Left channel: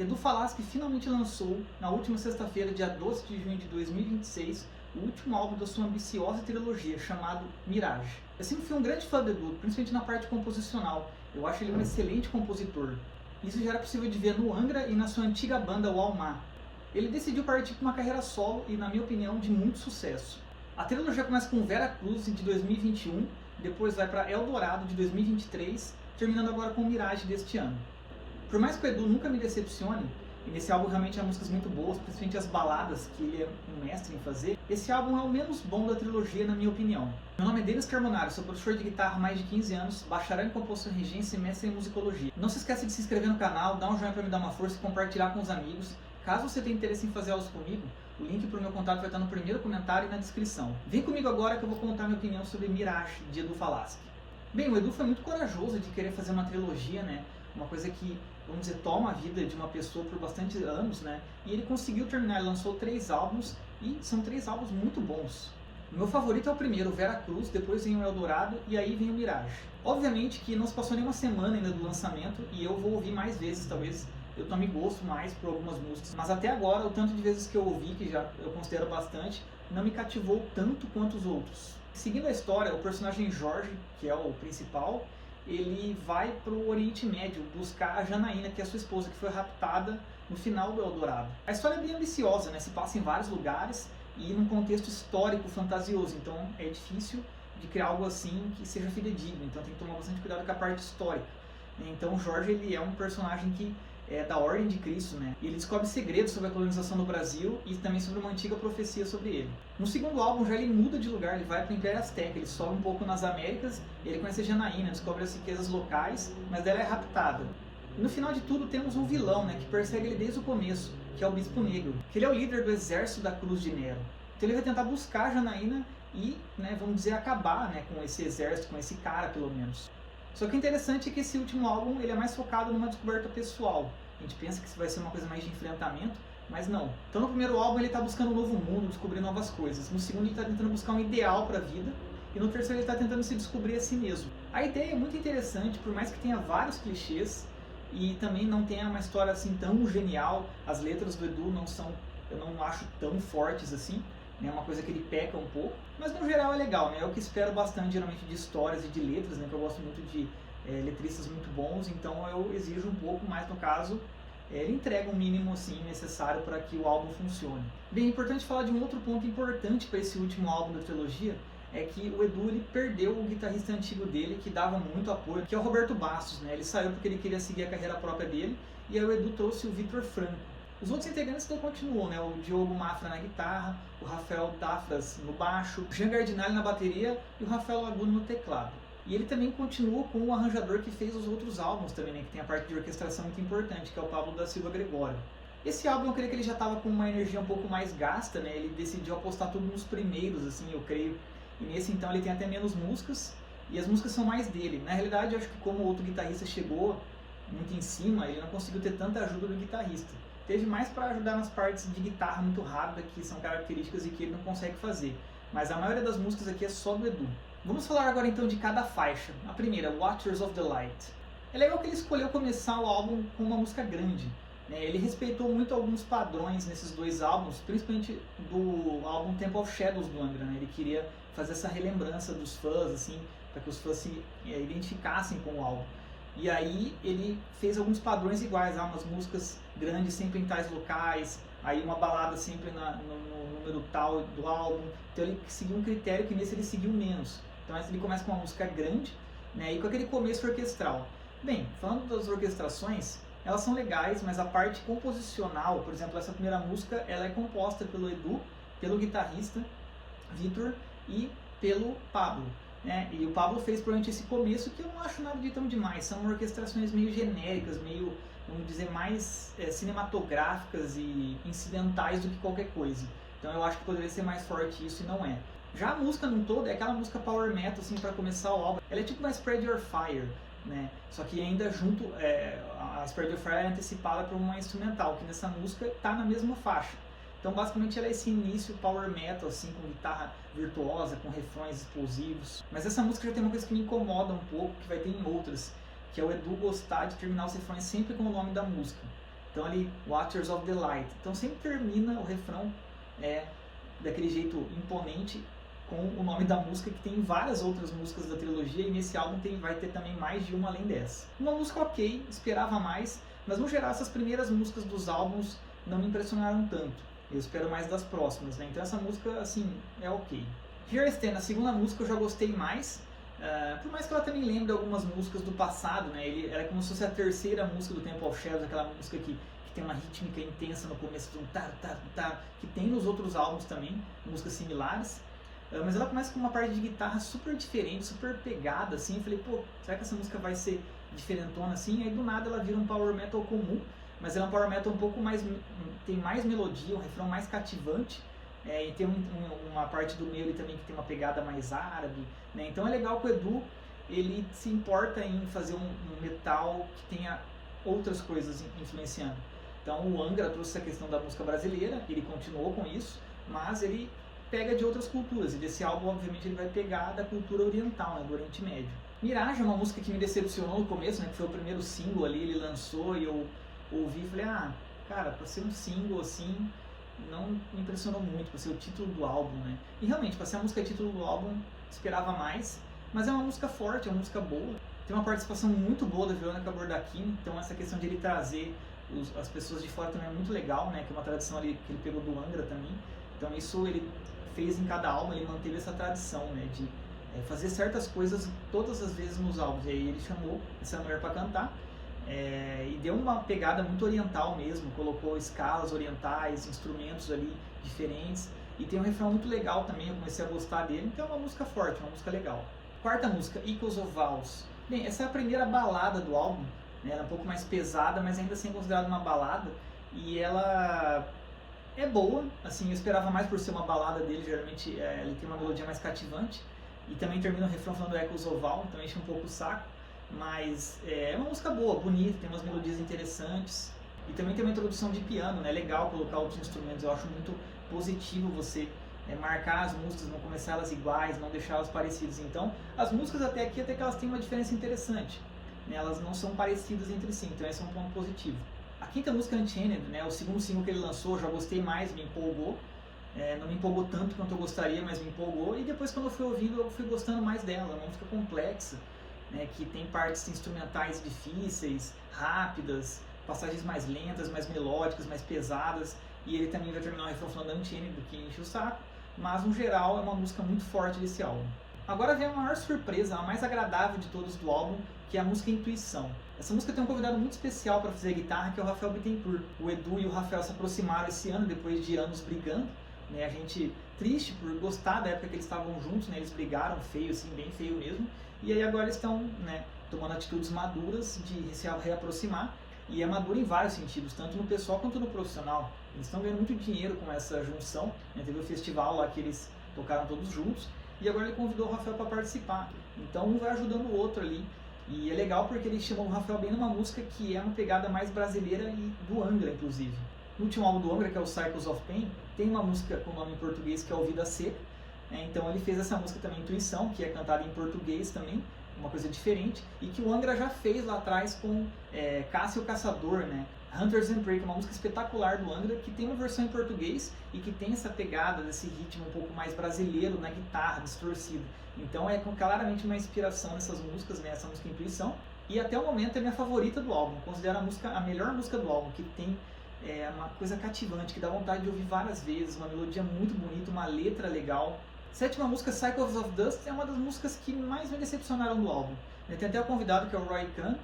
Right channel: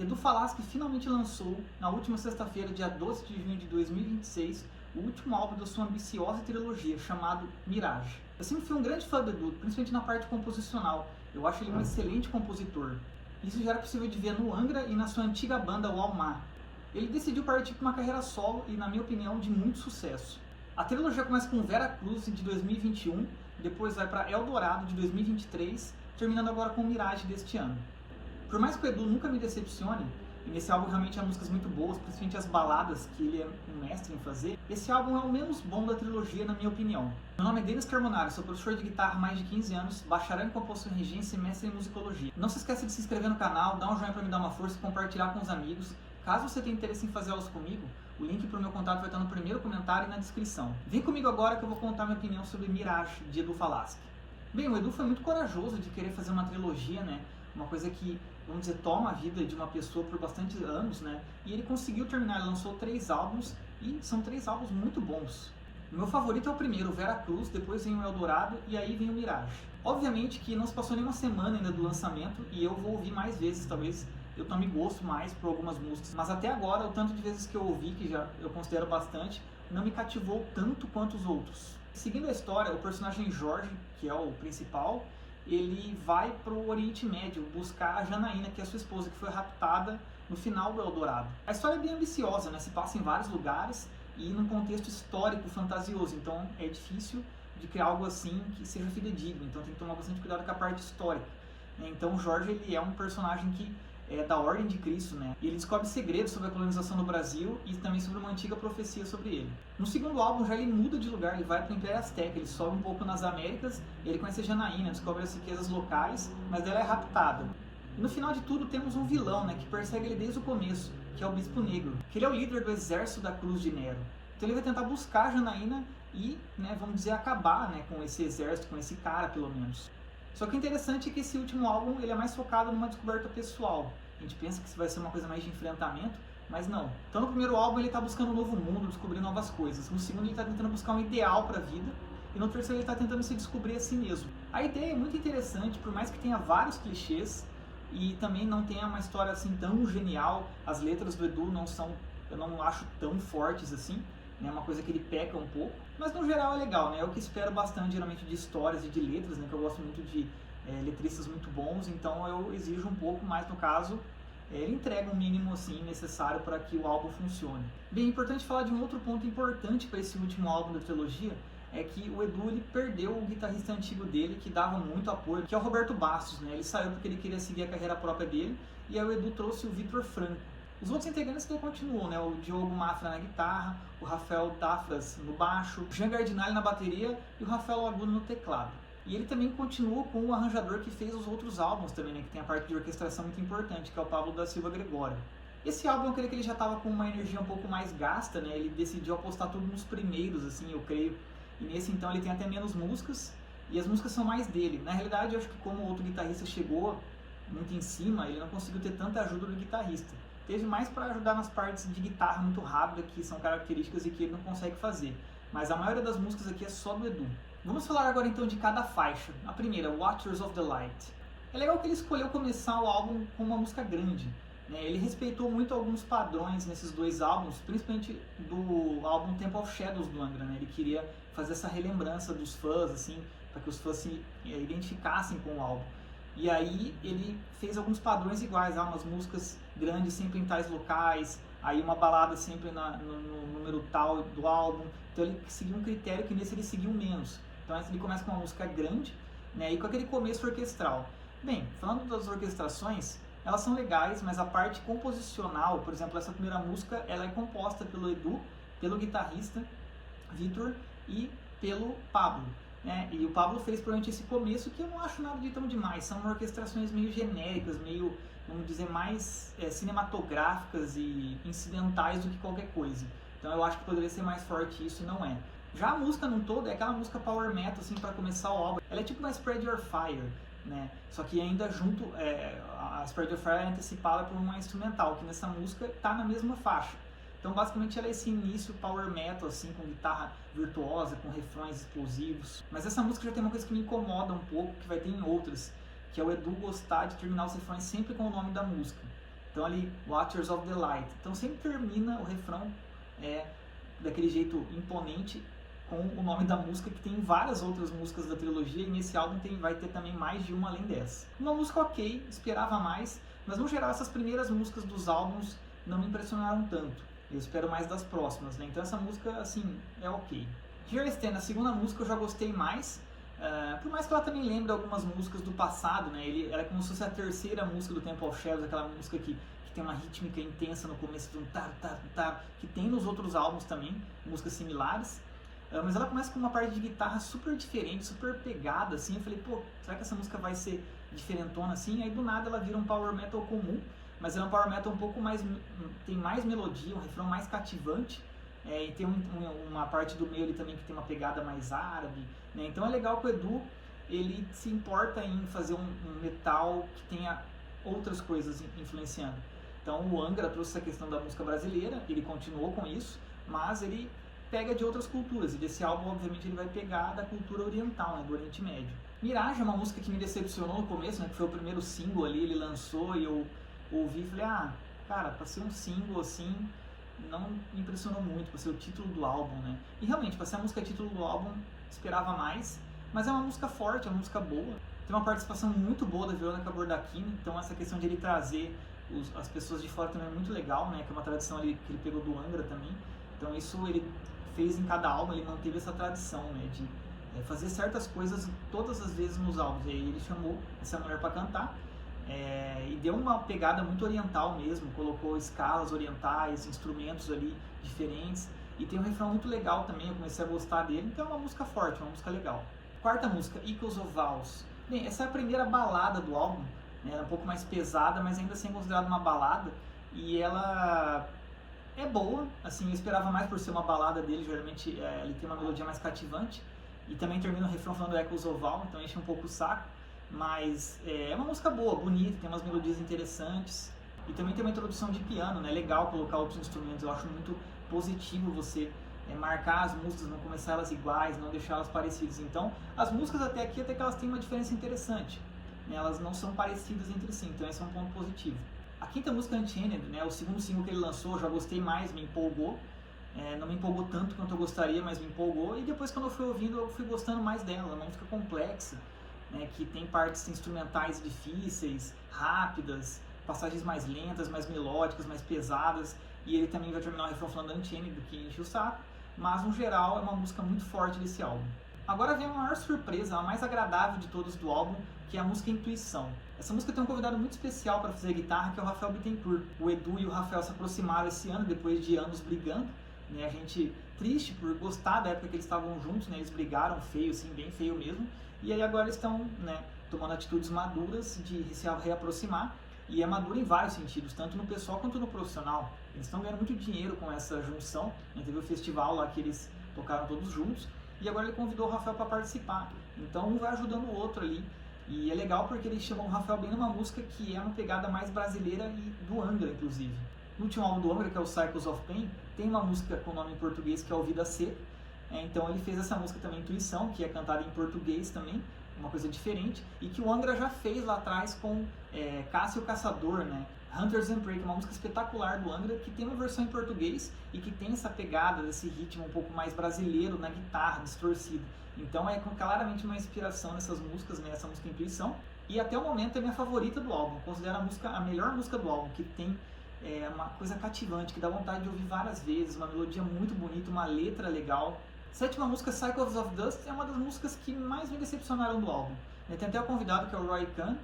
Edu Falaschi finalmente lançou, na última sexta-feira, dia 12 de junho de 2026, o último álbum da sua ambiciosa trilogia, chamado Mirage. Eu sempre fui um grande fã do Edu, principalmente na parte composicional. Eu acho ele um excelente compositor. Isso já era possível de ver no Angra e na sua antiga banda, o Almar. Ele decidiu partir para uma carreira solo e, na minha opinião, de muito sucesso. A trilogia começa com Vera Cruz, de 2021, depois vai para Eldorado, de 2023, terminando agora com Mirage deste ano. Por mais que o Edu nunca me decepcione, e nesse álbum realmente há músicas muito boas, principalmente as baladas, que ele é um mestre em fazer, esse álbum é o menos bom da trilogia, na minha opinião. Meu nome é Denis Carbonaro, sou professor de guitarra há mais de 15 anos, bacharel em composição e regência e mestre em musicologia. Não se esqueça de se inscrever no canal, dar um joinha para me dar uma força e compartilhar com os amigos. Caso você tenha interesse em fazer aulas comigo, o link para o meu contato vai estar no primeiro comentário e na descrição. Vem comigo agora que eu vou contar minha opinião sobre Mirage, de Edu Falaschi. Bem, o Edu foi muito corajoso de querer fazer uma trilogia, né? Uma coisa que, vamos dizer, toma a vida de uma pessoa por bastante anos, né? E ele conseguiu terminar, ele lançou 3 álbuns e são 3 álbuns muito bons. O meu favorito é o primeiro, o Vera Cruz, depois vem o Eldorado e aí vem o Mirage. Obviamente que não se passou nenhuma semana ainda do lançamento e eu vou ouvir mais vezes, talvez eu tome gosto mais por algumas músicas. Mas até agora, o tanto de vezes que eu ouvi, que já eu considero bastante, não me cativou tanto quanto os outros. Seguindo a história, o personagem Jorge, que é o principal, ele vai para o Oriente Médio buscar a Janaína, que é a sua esposa, que foi raptada no final do Eldorado. A história é bem ambiciosa, né? Se passa em vários lugares e num contexto histórico fantasioso, então é difícil de criar algo assim que seja fidedigno, então tem que tomar bastante cuidado com a parte histórica. Então o Jorge, ele é um personagem que é da Ordem de Cristo, né? E ele descobre segredos sobre a colonização do Brasil e também sobre uma antiga profecia sobre ele. No segundo álbum já ele muda de lugar, ele vai para o Império Azteca, ele sobe um pouco nas Américas, ele conhece a Janaína, descobre as riquezas locais, mas dela é raptada. E no final de tudo temos um vilão, né, que persegue ele desde o começo, que é o Bispo Negro, que ele é o líder do exército da Cruz de Nero. Então ele vai tentar buscar a Janaína e, né, vamos dizer, acabar, né, com esse exército, com esse cara pelo menos. Só que o interessante é que esse último álbum ele é mais focado numa descoberta pessoal. A gente pensa que isso vai ser uma coisa mais de enfrentamento, mas não. Então no primeiro álbum ele está buscando um novo mundo, descobrir novas coisas. No segundo ele está tentando buscar um ideal para a vida. E no terceiro ele está tentando se descobrir a si mesmo. A ideia é muito interessante, por mais que tenha vários clichês e também não tenha uma história assim tão genial. As letras do Edu não são, eu não acho tão fortes assim. É uma coisa que ele peca um pouco, mas no geral é legal, né? É o que espero bastante geralmente de histórias e de letras, né? Que eu gosto muito de letristas muito bons, então eu exijo um pouco, mas no caso ele entrega o mínimo assim necessário para que o álbum funcione. Bem, é importante falar de um outro ponto importante para esse último álbum da trilogia, é que o Edu ele perdeu o guitarrista antigo dele, que dava muito apoio, que é o Roberto Bastos, né? Ele saiu porque ele queria seguir a carreira própria dele, e aí o Edu trouxe o Vitor Franco. Os outros integrantes então continuam, né? O Diogo Mafra na guitarra, o Rafael Tafras no baixo, o Jean Gardinali na bateria e o Rafael Laguna no teclado. E ele também continua com o arranjador que fez os outros álbuns também, né? Que tem a parte de orquestração muito importante, que é o Pablo da Silva Gregório. Esse álbum eu creio que ele já estava com uma energia um pouco mais gasta, né? Ele decidiu apostar tudo nos primeiros, assim, eu creio. E nesse então ele tem até menos músicas, e as músicas são mais dele. Na realidade, eu acho que como o outro guitarrista chegou muito em cima, ele não conseguiu ter tanta ajuda do guitarrista. Teve mais para ajudar nas partes de guitarra muito rápida, que são características e que ele não consegue fazer. Mas a maioria das músicas aqui é só do Edu. Vamos falar agora então de cada faixa. A primeira, Watchers of the Light. É legal que ele escolheu começar o álbum com uma música grande, né? Ele respeitou muito alguns padrões nesses 2 álbuns, principalmente do álbum Temple of Shadows do Angra, né? Ele queria fazer essa relembrança dos fãs, assim, para que os fãs se identificassem com o álbum. E aí ele fez alguns padrões iguais, umas músicas grandes sempre em tais locais, aí uma balada sempre no número tal do álbum. Então ele seguiu um critério que nesse ele seguiu menos. Então ele começa com uma música grande, né, e com aquele começo orquestral. Bem, falando das orquestrações, elas são legais, mas a parte composicional, por exemplo, essa primeira música, ela é composta pelo Edu, pelo guitarrista Vitor e pelo Pablo. E o Pablo fez provavelmente esse começo que eu não acho nada de tão demais, são orquestrações meio genéricas, meio, vamos dizer, mais cinematográficas e incidentais do que qualquer coisa. Então eu acho que poderia ser mais forte isso e não é. Já a música num todo é aquela música power metal assim para começar o álbum. Ela é tipo uma Spread Your Fire, né? Só que ainda junto, a Spread Your Fire é antecipada por uma instrumental, que nessa música tá na mesma faixa. Então basicamente ela é esse início power metal, assim, com guitarra virtuosa, com refrões explosivos. Mas essa música já tem uma coisa que me incomoda um pouco, que vai ter em outras, que é o Edu gostar de terminar os refrões sempre com o nome da música. Então ali, Watchers of the Light. Então sempre termina o refrão daquele jeito imponente com o nome da música, que tem várias outras músicas da trilogia, e nesse álbum vai ter também mais de uma além dessa. Uma música ok, esperava mais, mas no geral essas primeiras músicas dos álbuns não me impressionaram tanto. Eu espero mais das próximas, né? Então essa música, assim, é ok. Here I Stand, a segunda música, eu já gostei mais, por mais que ela também lembre algumas músicas do passado, né? Ela é como se fosse a terceira música do Temple of Shadows, aquela música que tem uma rítmica intensa no começo, que tem nos outros álbuns também, músicas similares. Mas ela começa com uma parte de guitarra super diferente, super pegada, assim. Eu falei, pô, será que essa música vai ser diferentona assim? Aí do nada ela vira um power metal comum, mas ela é um power metal um pouco mais, tem mais melodia, um refrão mais cativante, e tem uma parte do meio ali também que tem uma pegada mais árabe, né? Então é legal que o Edu, ele se importa em fazer um metal que tenha outras coisas influenciando. Então o Angra trouxe essa questão da música brasileira, ele continuou com isso, mas ele pega de outras culturas, e desse álbum obviamente ele vai pegar da cultura oriental, né, do Oriente Médio. Mirage é uma música que me decepcionou no começo, né, que foi o primeiro single ali, ele lançou e eu ouvi e falei, cara, pra ser um single assim, não me impressionou muito, pra ser o título do álbum, né. E realmente, pra ser a música título do álbum, esperava mais, mas é uma música forte, é uma música boa, tem uma participação muito boa da Veronica Bordachini, então essa questão de ele trazer as pessoas de fora também é muito legal, né, que é uma tradição ali que ele pegou do Angra também, então isso ele fez em cada álbum, ele manteve essa tradição, né, de fazer certas coisas todas as vezes nos álbuns, e aí ele chamou essa mulher para cantar, e deu uma pegada muito oriental mesmo, colocou escalas orientais, instrumentos ali diferentes, e tem um refrão muito legal também, eu comecei a gostar dele, então é uma música forte, uma música legal. Quarta música, Echoes of Vows. Bem, essa é a primeira balada do álbum, né, ela é um pouco mais pesada, mas ainda assim é considerada uma balada, e ela é boa, assim, eu esperava mais por ser uma balada dele, geralmente ele tem uma melodia mais cativante, e também termina o refrão falando Echoes of Vows, então enche um pouco o saco, mas é uma música boa, bonita, tem umas melodias interessantes, e também tem uma introdução de piano, né, legal colocar outros instrumentos, eu acho muito positivo você marcar as músicas, não começar elas iguais, não deixar elas parecidas, então as músicas até aqui até que elas têm uma diferença interessante, né, elas não são parecidas entre si, então esse é um ponto positivo. A quinta música, Unchained, né, o segundo single que ele lançou, já gostei mais, me empolgou. Não me empolgou tanto quanto eu gostaria, mas me empolgou. E depois, quando eu fui ouvindo, eu fui gostando mais dela. Uma música complexa, né, que tem partes instrumentais difíceis, rápidas, passagens mais lentas, mais melódicas, mais pesadas. E ele também vai terminar o refrão falando Unchained, do que enche o saco. Mas, no geral, é uma música muito forte desse álbum. Agora vem a maior surpresa, a mais agradável de todos do álbum, que é a música Intuição. Essa música tem um convidado muito especial para fazer a guitarra, que é o Rafael Bittencourt. O Edu e o Rafael se aproximaram esse ano, depois de anos brigando, né? A gente triste por gostar da época que eles estavam juntos, né? Eles brigaram feio, assim, bem feio mesmo. E aí agora eles estão, né, tomando atitudes maduras de se reaproximar. E é maduro em vários sentidos, tanto no pessoal quanto no profissional. Eles estão ganhando muito dinheiro com essa junção, né? Teve o festival lá que eles tocaram todos juntos. E agora ele convidou o Rafael para participar. Então um vai ajudando o outro ali. E é legal porque ele chamou o Rafael bem numa música que é uma pegada mais brasileira e do Angra, inclusive. No último álbum do Angra, que é o Cycles of Pain, tem uma música com nome em português que é O Vida Seca. Então ele fez essa música também, Intuição, que é cantada em português também, uma coisa diferente. E que o Angra já fez lá atrás com Cássio Caçador, né? Hunters and Prey, que é uma música espetacular do Angra, que tem uma versão em português e que tem essa pegada desse ritmo um pouco mais brasileiro na guitarra, distorcida. Então é claramente uma inspiração nessas músicas, né, essa música Intuição. E até o momento é minha favorita do álbum. Considero a melhor música do álbum, que tem uma coisa cativante, que dá vontade de ouvir várias vezes, uma melodia muito bonita, uma letra legal. Sétima música, Cycles of Dust, é uma das músicas que mais me decepcionaram do álbum. Tem até o convidado, que é o Roy Khan.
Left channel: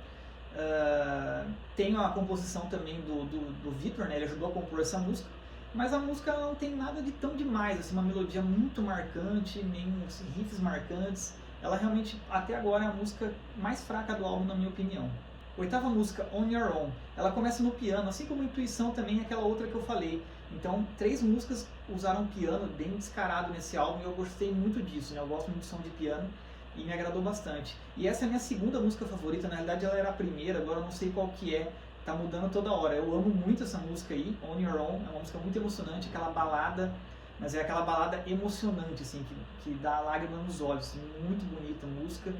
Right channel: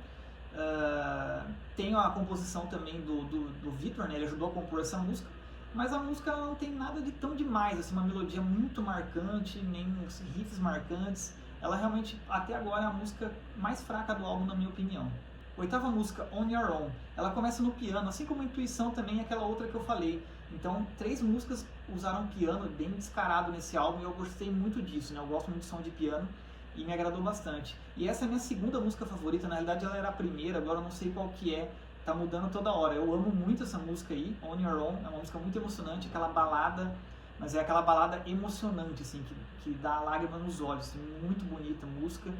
Tem a composição também do Victor, né? Ele ajudou a compor essa música, mas a música não tem nada de tão demais, assim, uma melodia muito marcante, nem assim, riffs marcantes. Ela realmente, até agora, é a música mais fraca do álbum, na minha opinião. Oitava música, On Your Own, ela começa no piano, assim como Intuição também, aquela outra que eu falei. Então, 3 músicas usaram piano bem descarado nesse álbum e eu gostei muito disso, né? Eu gosto muito de som de piano e me agradou bastante. E essa é a minha segunda música favorita, na realidade ela era a primeira, agora eu não sei qual que é, tá mudando toda hora. Eu amo muito essa música aí, On Your Own, é uma música muito emocionante, aquela balada, mas é aquela balada emocionante, assim, que dá lágrima nos olhos, assim, muito bonita a música,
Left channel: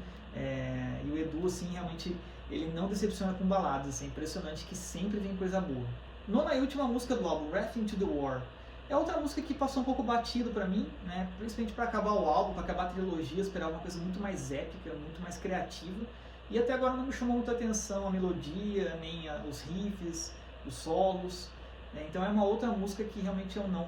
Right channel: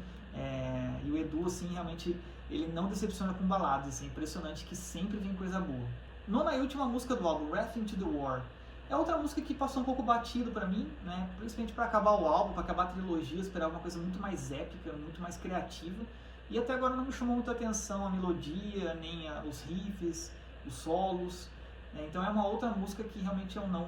e o Edu, assim, realmente ele não decepciona com baladas, assim, é impressionante que sempre vem coisa boa. Nona e última música do álbum, Wrath into the War. É outra música que passou um pouco batido pra mim, né? Principalmente para acabar o álbum, para acabar a trilogia, eu esperava uma coisa muito mais épica, muito mais criativa. E até agora não me chamou muita atenção a melodia, nem os riffs, os solos. Né? Então é uma outra música que realmente eu não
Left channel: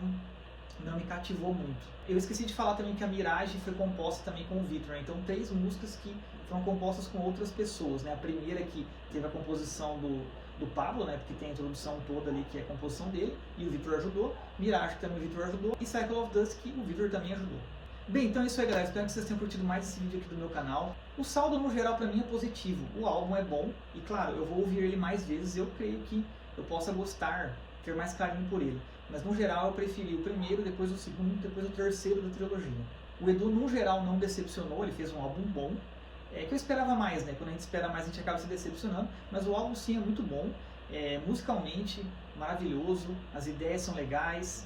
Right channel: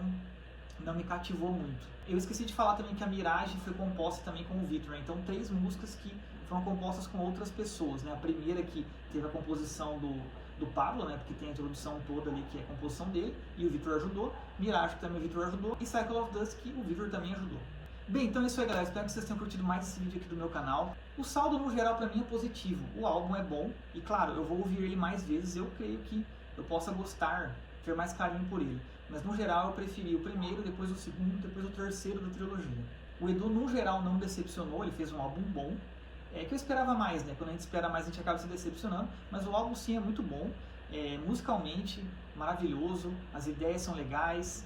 me cativou muito. Eu esqueci de falar também que a Mirage foi composta também com o Victor, né? Então 3 músicas que foram compostas com outras pessoas, né? A primeira que teve a composição do Pablo, né? Porque tem a introdução toda ali que é a composição dele, e o Victor ajudou. Mirage também o Victor ajudou, e Cycle of Dust que o Victor também ajudou. Bem, então é isso aí, galera. Espero que vocês tenham curtido mais esse vídeo aqui do meu canal. O saldo, no geral, pra mim é positivo. O álbum é bom e, claro, eu vou ouvir ele mais vezes. Eu creio que eu possa gostar, ter mais carinho por ele. Mas, no geral, eu preferi o primeiro, depois o segundo, depois o terceiro da trilogia. O Edu, no geral, não decepcionou. Ele fez um álbum bom. É que eu esperava mais, né? Quando a gente espera mais, a gente acaba se decepcionando. Mas o álbum, sim, é muito bom. Musicalmente, maravilhoso. As ideias são legais.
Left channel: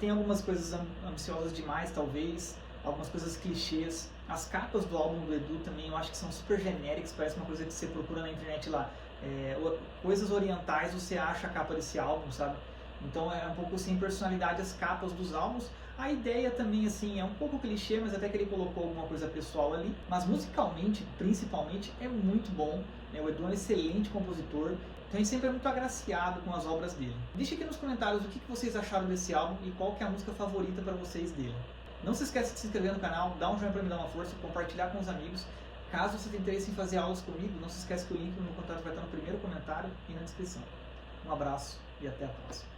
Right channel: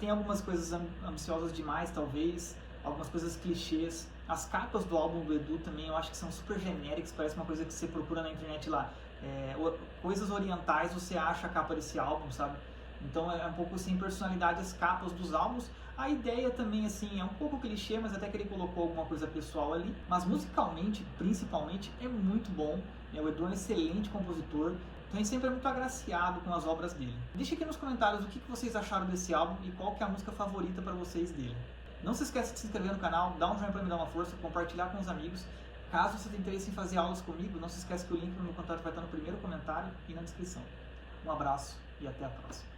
Tem algumas coisas ambiciosas demais, talvez, algumas coisas clichês. As capas do álbum do Edu também eu acho que são super genéricas, parece uma coisa que você procura na internet lá. Coisas orientais, você acha a capa desse álbum, sabe? Então é um pouco sem personalidade as capas dos álbuns. A ideia também, assim, é um pouco clichê, mas até que ele colocou alguma coisa pessoal ali. Mas musicalmente, principalmente, é muito bom. O Edu é um excelente compositor. Então a gente sempre é muito agraciado com as obras dele. Deixe aqui nos comentários o que vocês acharam desse álbum e qual que é a música favorita para vocês dele. Não se esqueça de se inscrever no canal, dar um joinha para me dar uma força, compartilhar com os amigos. Caso você tenha interesse em fazer aulas comigo, não se esqueça que o link no meu contato vai estar no primeiro comentário e na descrição. Um abraço e até a próxima.